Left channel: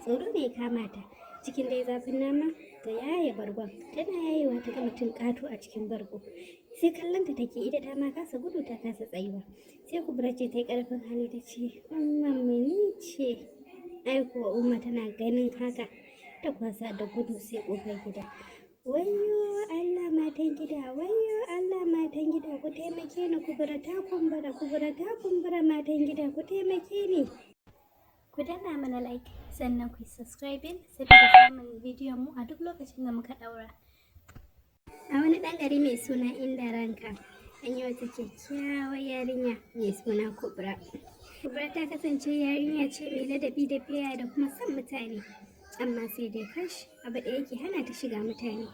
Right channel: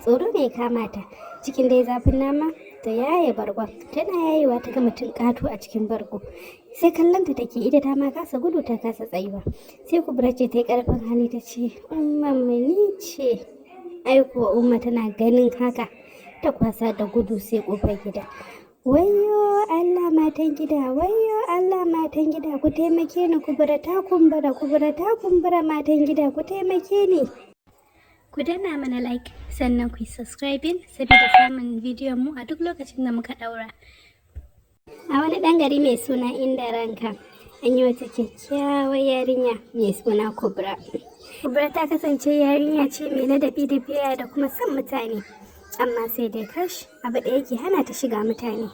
tsoro ne ya kama ta. Cikin dai zafin nama ta yaye bargon, tana yayewa ta ga mutum ƙato a cikin bargo. Sai kallonta take, ita ta ma kasa gudu ta kasa tsayuwa. Sai Kubra ce ta yi ƙarfin hali ta ce, Umma ni ce. Ai kuwa Umma tana ganin haka ta kwasa da gudu sai ƙofar gida. Wayyo Allah matan gida, wayyo Allah matan gida, ku taimake ni, Kubra ta kumbura matan gida, ku taimake ni. Ku danna mana like sannan ku yi subscribing saboda samun bidiyon mu a duk lokacin da muka daura. A wani ɗan gari mai suna Inda Ranka, an yi wata kyakkyawar yarinya mai suna Kubra. Kubra ta kasance yarinya ce mai ladabi da biyayya da kuma son mutane. Amma sai dai kash, abu da yake hana ta shiga mutane.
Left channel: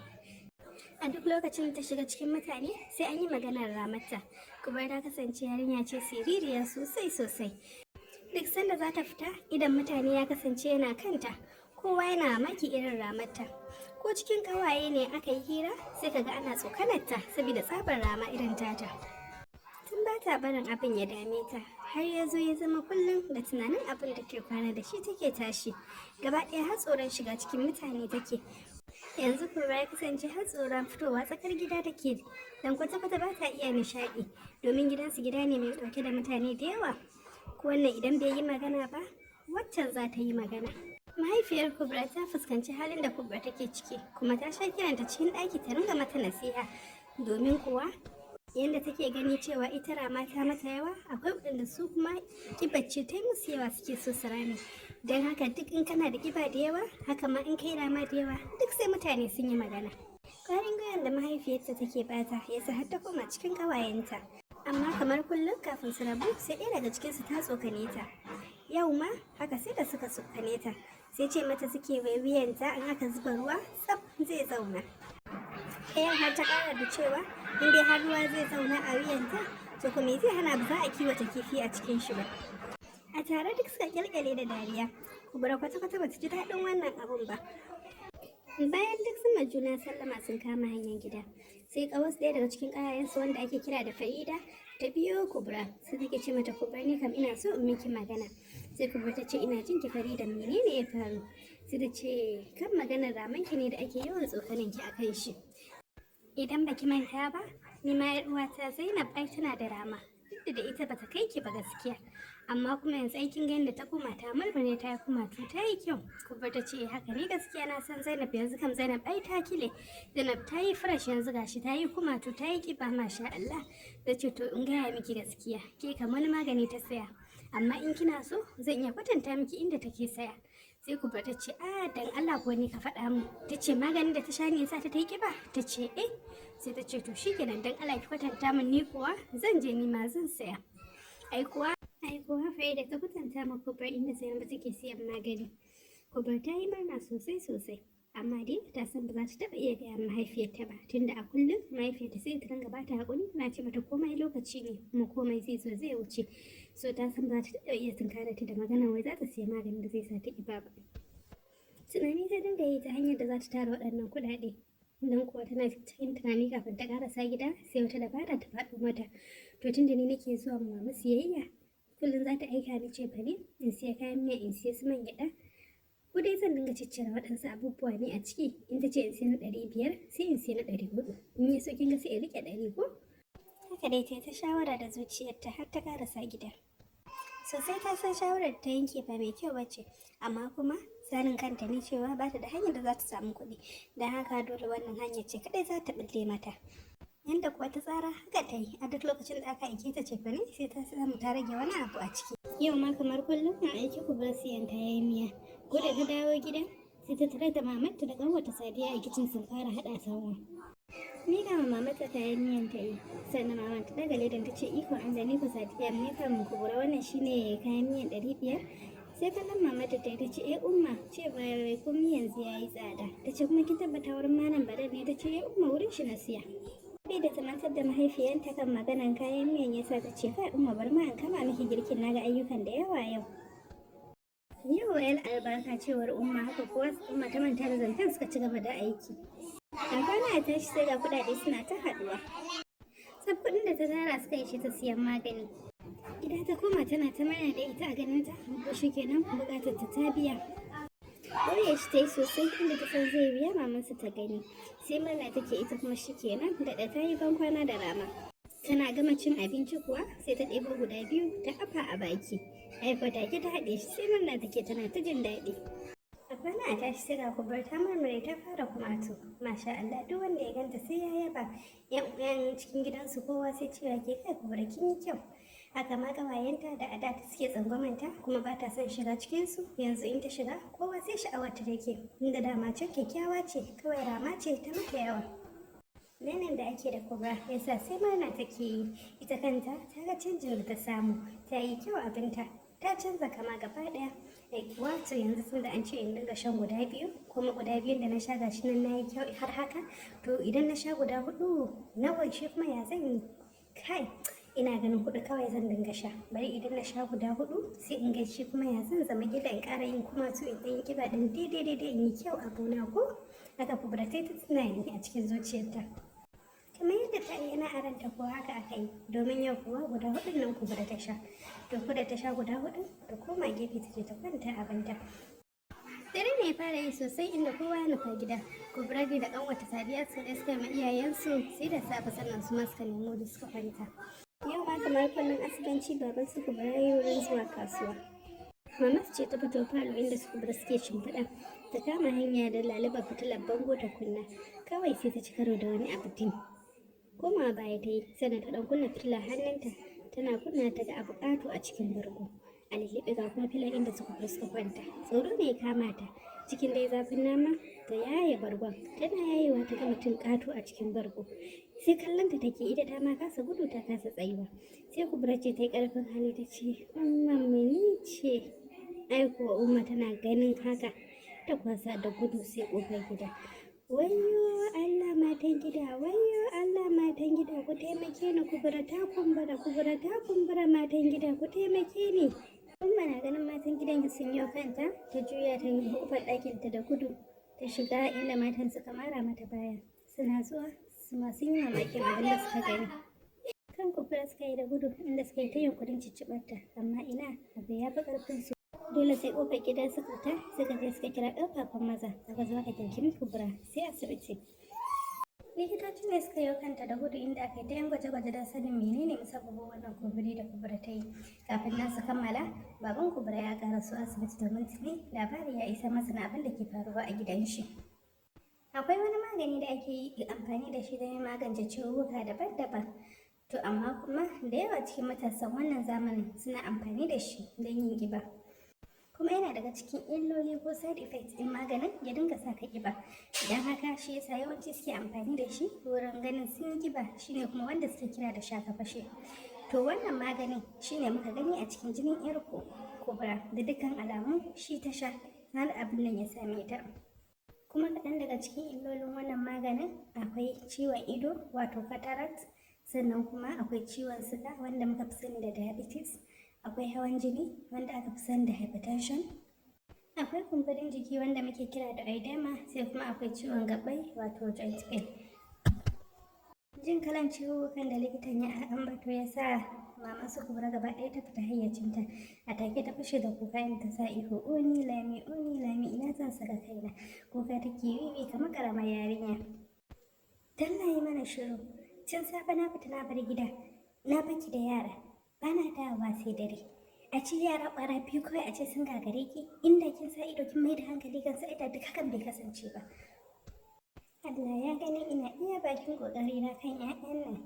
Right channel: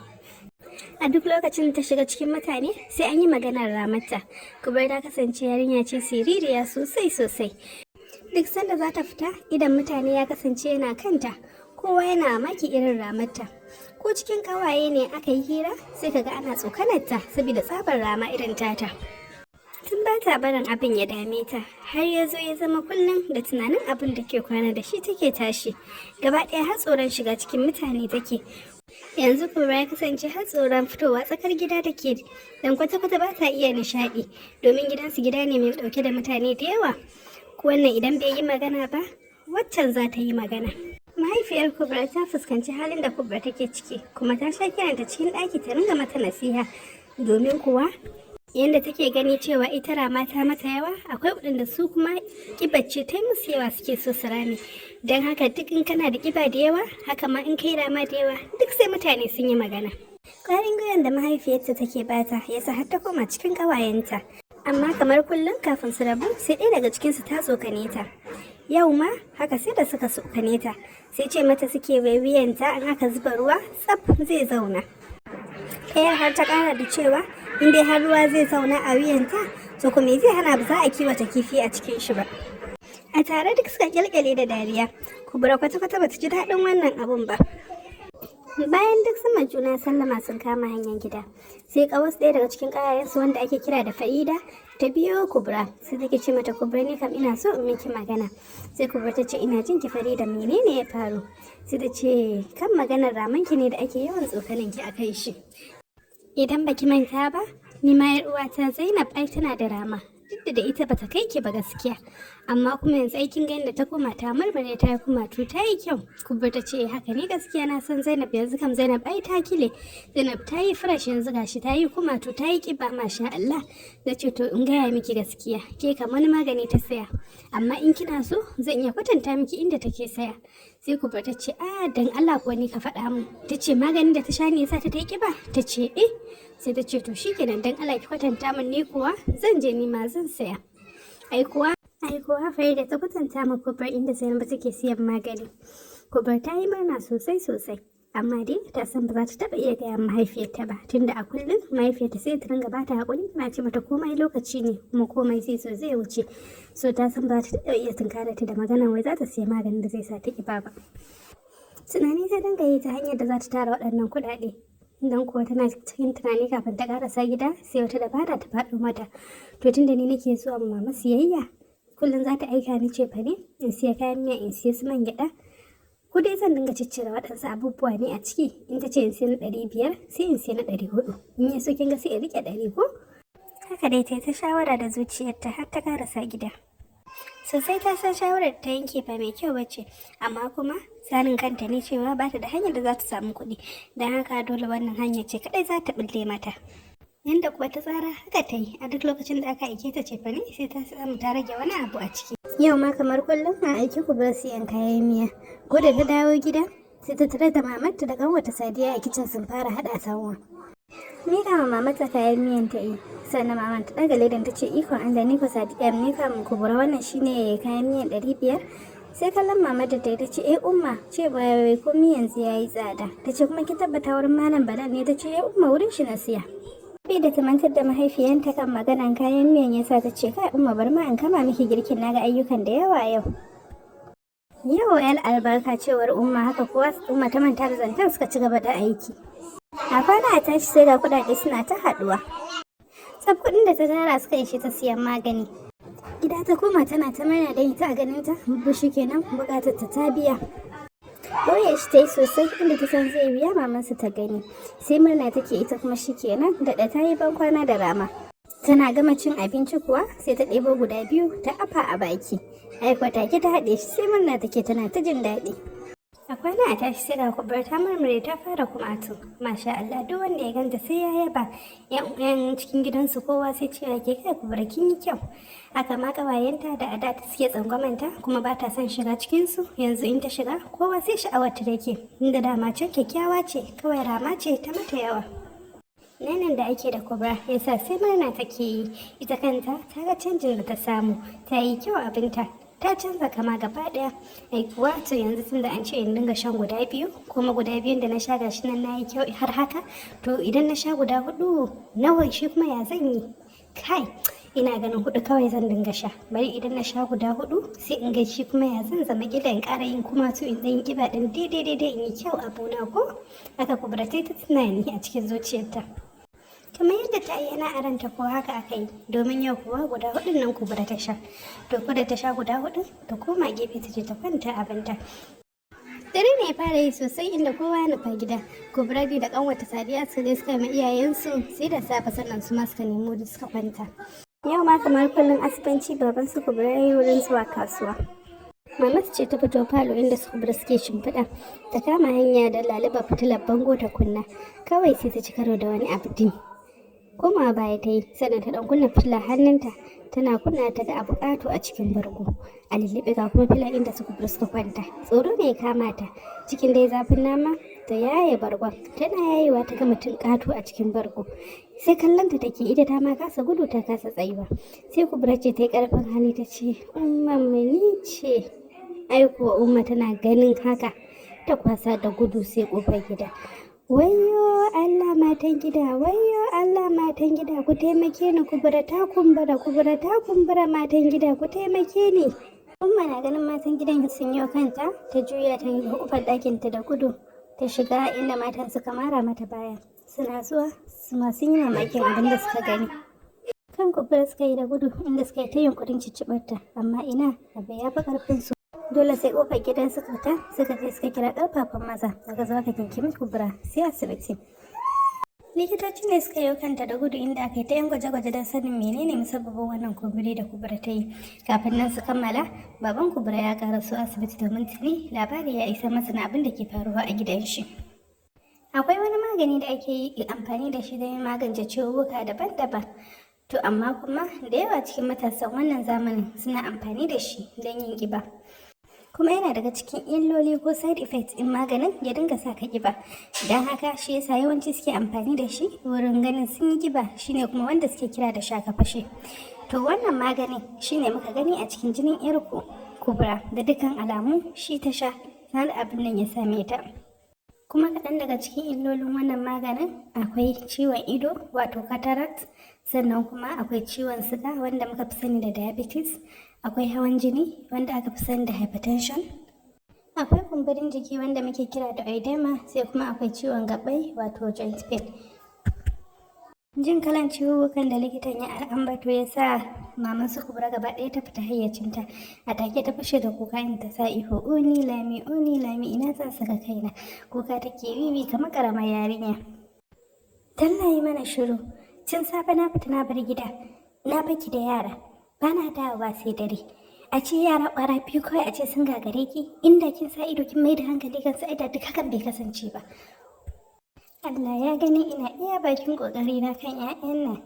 A duk lokacin ta shiga cikin mutane sai an yi maganar ramarta. Kubra ta kasance yarinya ce siririya sosai. Duk sanda za ta fita idan mutane ya kasance yana kanta, kowa yana maki irin ramarta. Ko cikin kawaye ne aka yi hira sai kaga ana tsokanarta saboda tsabar rama irin tata. Tun ba ta barin abin ya dame ta, har ya zo ya zama kullum da tunanin abin da ke kwana da shi take tashi. Gaba ɗaya har tsoron shiga cikin mutane take. Yanzu Kubra ya kasance har tsoron fitowa tsakar gida take, dan kwata-kwata ba ta iya nishaɗi, domin gidansu gida ne mai ɗauke da mutane da yawa. Wannan idan bai yi magana ba, waccan za ta yi magana. Mahaifiyar Kubra ta fuskanci halin da Kubra take ciki, kuma ta sha kiranta cikin ɗaki ta ringa mata nasiha, domin kuwa yadda take gani cewa ita rama ta mata yawa, akwai waɗanda su kuma ƙibacce ta musu yawa suke so su rame. Don haka duk in kana da ƙiba da yawa, haka ma in kai rama da yawa, duk sai mutane sun yi magana. Ƙwarin gwiwan da mahaifiyarta take bata ya sa har ta koma cikin ƙawayenta. Amma kamar kullum kafin su rabu sai ɗaya daga cikinsu ta tsokane ta. Yau ma haka sai da suka tsokane ta, sai ce mata suke wuyanta in aka zuba ruwa tsaf zai zauna. Ɗayar har ta ƙara da cewa in dai har ruwa zai zauna a wuyanta, to kuma zai hana ba za a kiwata kifi a cikin shi ba. A tare duk suka kyalkyale da dariya. Kubra kwata-kwata bata ji daɗin wannan abun ba. Bayan duk sama juna sallama sun kama hanyar gida, sai kawas ɗaya daga cikin ƙayayensu wanda ake kira da Fa'ida ta biyo Kubra. Sai take ce mata, Kubra ni kam ina so in miki magana. Sai Kubra ta ce, ina jin ki Farida, menene ya faru? Sai ta ce, kan maganar ramanki ne da ake yawan tsokanin ki akan shi. Idan baki manta ba, ni ma yar uwata Zainab ai tana da rama, duk da ita bata kai ki ba gaskiya. Amma kuma yanzu aikin ga da ta koma ta murmure ta yi kumatu ta yi kyau. Kubra ta ce, haka ne gaskiya na san Zainab, yanzu kam Zainab ai ta kile. Zainab ta yi fresh yanzu gashi ta yi kumatu ta yi kiba masha Allah. Zai ce to in gaya miki gaskiya, ke kam wani magani ta saya, amma in kina so zan iya kwatanta miki inda take saya. Sai Kubra ta ce, dan Allah ko ni ka faɗa mu. Ta ce maganin da ta sha ne yasa ta yi kiba? Ta ce sai ta ce to shikenan, dan Allah ki kwatanta min, ni kuwa zan je ni ma zan saya. Ai kuwa Farida ta kwatanta ma Kubra inda Zainab take siyan magani. Kubra ta yi murna sosai, amma dai ta san ba za ta taɓa iya gaya mahaifiyarta ba, tunda a kullum mahaifiyarta sai ta ringa bata haƙuri, tana ce mata komai lokaci ne kuma komai zai zo zai wuce. So ta san ba ta taɓa iya tunkara ta da maganar wai za ta siya maganin da zai sa ta ƙiba ba. Tunani ta dinga yi ta hanyar da za ta tara waɗannan kuɗaɗe. Don kuwa tana cikin tunani kafin ta ƙarasa gida sai wata dabara ta faɗo mata. To tunda ni nake so amma mama siyayya, kullum za ta aika ni cefane, in siya kayan miya, in siya su man gyaɗa. Ko dai zan dinga ciccire waɗansu abubuwa ne a ciki. In ta ce in siya na 500 sai in siya na 400. In ya so kin ga sai in riƙe 100 ko? Haka dai ta yi ta shawara da zuciyarta har ta ƙarasa gida. Sosai ta san shawarar ta yanke ba mai kyau bace, amma kuma sanin kanta ne cewa ba ta da hanyar da za ta samu kuɗi, don haka dole wannan hanyar ce kaɗai za ta ɓulle mata. Yanda kuwa ta tsara haka ta yi, a duk lokacin da aka aike ta cefane sai ta samu ta rage wani abu a ciki. Yau ma kamar kullum a aiki Kubra siyan kayan miya. Ko da ta dawo gida sai ta tare da mamarta da ƙanwata Sadiya a kicin sun fara haɗa sanwa. Mika ma mamarta kayan miyan ta yi, sannan maman ta ɗaga ledan ta ce, ikon Allah ni ko Sadiya mika min Kubra wannan shine kayan miyan 500. Sai kallon mamarta ta ce, umma ce ba wai ko miyan ya yi tsada. Ta ce, kuma kin tabbata wurin malam Balan ne? Ta ce, umma wurin shi na siya. Bi da ta mantar da mahaifiyanta kan maganan kayan miyan yasa ta ce, kai umma bar ma an kama miki girkin, naga ayyukan da yawa yau. Yau yan albarka cewar umma, haka kuwa umma ta manta da zancen suka ci gaba da aiki. A kwana a tashi sai ga kuɗaɗe suna ta haɗuwa. Tsaf kuɗin da ta tara suka ishe ta siyan magani. Gida ta koma tana ta murna da ita a ganin ta bushi kenan buƙatar ta biya. shi ta yi sosai inda ta san zai biya mamansu ta gani. Sai murna take ita kuma shi kenan da ta yi ban kwana da rama. Tana gama cin abinci kuwa sai ta ɗebo guda biyu ta afa a baki. Aiko take ta haɗe shi sai murna take tana ta jin daɗi. A kwana a tashi sai da Kubra ta murmure ta fara kumatu. Masha Allah duk wanda ya ganta sai ya yaba. Yan cikin gidansu kowa sai cewa ke kai Kubra kin yi kyau. Haka ma ƙawayenta da ada ta suke tsangwamanta kuma ba ta son shiga cikinsu. Yanzu in ta shiga kowa sai sha'awar ta take. Inda dama can kyakkyawa ce kawai rama ce ta mata yawa. Nanan da ake da Kubra yasa sai murna take yi. Ita kanta ta ga canjin da ta samu. Ta yi kyau abinta. Ta canza kama gaba daya. Ai kuwa to yanzu tun da an ce in dinga shan guda biyu kuma guda biyun da na sha gashi nan nayi kyau har haka to idan na sha guda hudu nawa shi kuma ya zan yi kai ina ganin hudu kawai zan dinga sha bari idan na sha guda hudu sai in ga shi kuma ya zan zama gida in ƙara yin kuma to in dan kiba din daidai in yi kyau abuna ko aka Kubra ta tunani a cikin zuciyarta. Kamar yadda ta yi yana aranta ko haka aka yi domin yau kuwa guda hudun nan Kubra ta sha to ko da ta sha guda hudu ta koma gefe ta je ta kwanta abinta. Dare ne ya fara yi sosai inda kowa ya nufa gida. Kubra da kanwata Sadiya su ne suka ma iyayensu sai da safe sannan su ma suka nemo da suka kwanta. Yau ma kamar kullum asibanci baban su Kubra ya yi wurin zuwa kasuwa. Mama ce ta fito falo inda su Kubra suke shimfiɗa ta kama hanya da laluba fitilar bango ta kunna kawai sai ta ci karo da wani abu din. Komawa baya ta yi sannan ta ɗan kunna fitila hannunta tana kunna ta ga abu ƙato a cikin bargo a lullube ga kuma filar inda suka kwanta tsoro ne ya kama ta cikin dai zafin nama ta yaye bargon tana yayewa ta ga mutum ƙato a cikin bargo sai kallon ta take ita ta ma kasa gudu ta kasa tsayuwa sai Kubra ce ta yi ƙarfin hali ta ce umma ni ce ai kuwa umma tana ganin haka ta kwasa da gudu sai ƙofar gida. Wayyo Allah matan gida, wayyo Allah matan gida ku taimake ni Kubra ta kumbura matan gida ku taimake ni. Umma na ganin matan gidan sun yi kanta ta juya ta yi kofar ɗakin ta da gudu ta shiga inda matan suka mara mata baya. Suna zuwa sun yi mamakin abin da suka gani. Kan Kubra suka yi da gudu inda suka yi ta yunkurin cicciɓarta amma ina abu ya fi ƙarfin su. Dole sai kofar gidan suka fita suka je suka kira ƙarfafan maza daga zuwa ka kinkimi Kubra sai asibiti. Likitoci ne suka yi kanta da gudu inda aka yi ta yin gwaje-gwaje don sanin menene musabbabin wannan kumburi da Kubra ta yi. Kafin nan su kammala, baban Kubra ya ƙara su asibiti domin tuni labari ya isa masa na abin da ke faruwa a gidan shi. Akwai wani magani da ake yi amfani da shi don magance ciwuwwuka daban-daban. To amma kuma da yawa cikin matasan wannan zamanin suna amfani da shi don yin ƙiba. Kuma yana daga cikin illoli ko side effects in maganin ya dinga sa ka ƙiba. Don haka shi yasa yawanci suke amfani da shi wurin ganin sun yi ƙiba shine kuma wanda suke kira da sha Pashe. To wannan maganin shine muka gani a cikin jinin yar Kubra da dukkan alamu shi ta sha har abin nan ya same ta. Kuma kaɗan daga cikin illolin wannan maganin akwai ciwon ido wato cataract sannan kuma akwai ciwon suga wanda muka fi sani da diabetes. Akwai hawan jini wanda aka fi sani da hypertension. Akwai kumburin jiki wanda muke kira da edema sai kuma akwai ciwon gaɓɓai wato joint pain. Jin kalan ciwuwwukan da likitan ya ambato ya sa maman su Kubra gaba ɗaya ta fita hayyacinta. A take ta fashe da kuka in ta sa ihu oni lami ina zan saka kaina. Kuka take wiwi kamar ƙaramar yarinya. Tallahi mana shiru. Tun safe na fita na bar gida. Na baki da yara. Bana dawowa sai dare. A ce yara ƙwara biyu kawai a ce sun gagare ki inda kin sa ido kin mai da hankali kan sa ida duk hakan bai kasance ba. Allah ya gani ina iya bakin ƙoƙari na kan 'ya'yan nan.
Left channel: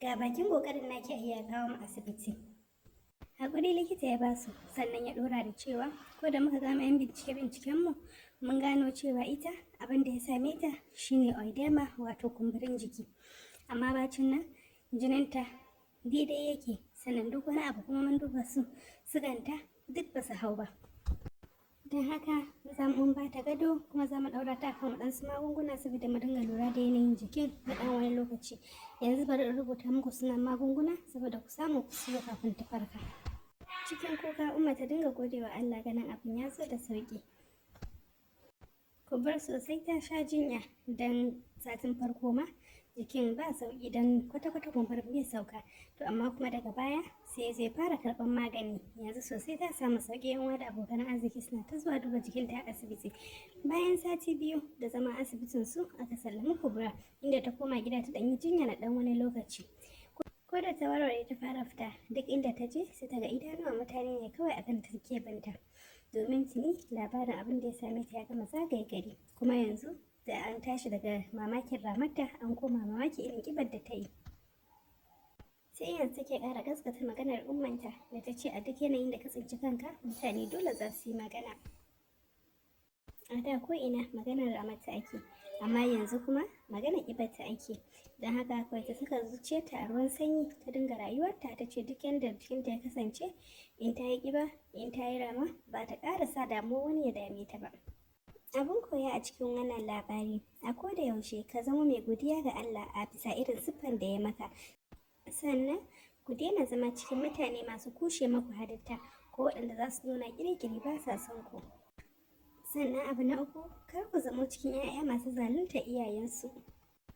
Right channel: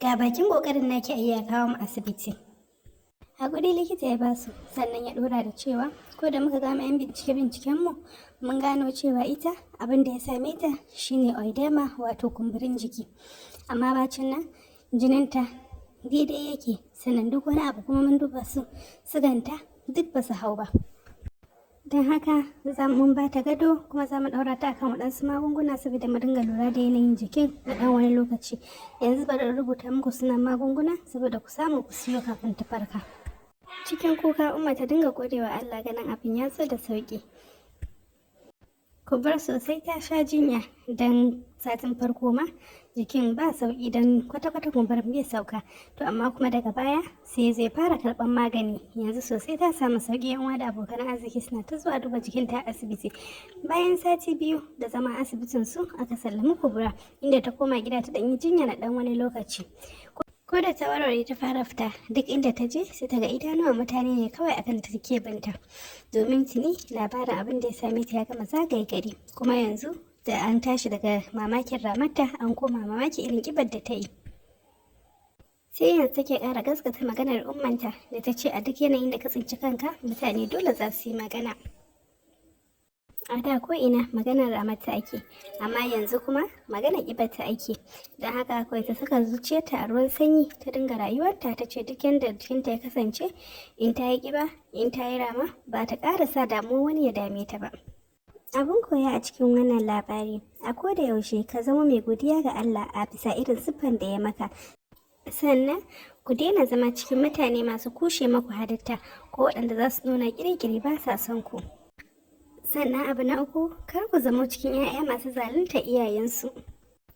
Ga bakin ƙoƙarin naki a iya kawo mu asibiti. Hakuri likita ya basu sannan ya ɗora da cewa ko da muka gama 'yan binciken mu mun gano cewa ita abin da ya same ta shine oedema wato kumburin jiki. Amma bacin nan jininta daidai yake sannan duk wani abu kuma mun duba su suganta duk ba su hau ba. Don haka mun ba ta gado kuma za mu ɗaura ta akan waɗansu magunguna saboda mu dinga lura da yanayin jikin na ɗan wani lokaci. Yanzu bari in rubuta muku sunan magunguna saboda ku samu ku siyo kafin ta farka. Cikin kuka Umma ta dinga godewa Allah ganin abin ya zo da sauki. Kubra sosai ta sha jinya don satin farko ma jikin ba sauki don kwata-kwata kumbar bai sauka. To amma kuma daga baya sai zai fara karɓar magani. Yanzu sosai ta samu sauki, yan da abokan arziki suna ta zuwa duba jikinta a asibiti. Bayan sati 2 da zama asibitin su aka sallami Kubra inda ta koma gida ta ɗanyi jinya na ɗan wani lokaci. Ko da ta warware ta fara fita duk inda ta je sai ta ga idanuwan mutane ne kawai akan ta take binta. Domin tuni labarin abin da ya same ta ya gama zagaye gari, kuma yanzu da an tashi daga mamakin ramarta an koma mamaki irin kibar da ta yi. Sai yanzu take ƙara gaskata maganar ummanta da ta ce a duk yanayin da ka tsinci kanka mutane dole za su yi magana. A da ko ina maganar ramarta ake, amma yanzu kuma maganar ƙibarta ake. Don haka kawai ta saka zuciyarta a ruwan sanyi ta dinga rayuwarta. Ta ce duk yadda jikinta ya kasance, in ta yi ƙiba in ta yi rama ba ta ƙara sa damuwa wani ya dame ta ba. Abin koya a cikin wannan labari, a koda yaushe ka zama mai godiya ga Allah a bisa irin siffan da ya maka. Sannan ku daina zama cikin mutane masu kushe maku halitta ko waɗanda za su nuna ƙirƙiri ba sa son ku. Sannan abu na uku, kar ku zama cikin 'ya'ya masu zalunta iyayensu,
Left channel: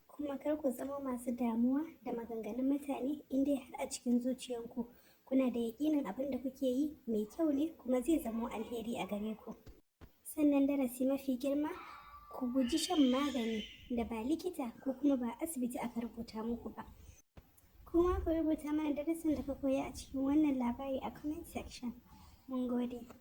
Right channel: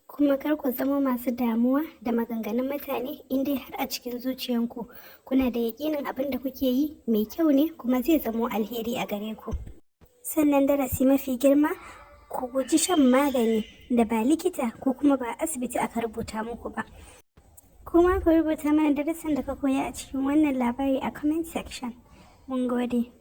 kuma kar ku zama masu damuwa da maganganun mutane in dai har a cikin zuciyanku kuna da yaƙinin abin da kuke yi mai kyau ne kuma zai zamo alheri a gare ku. Sannan darasi mafi girma, ku guji shan magani da ba likita ko kuma ba asibiti aka rubuta muku ba. Kuma ku rubuta mana darasin da ka koya a cikin wannan labari a comment section. Mun gode.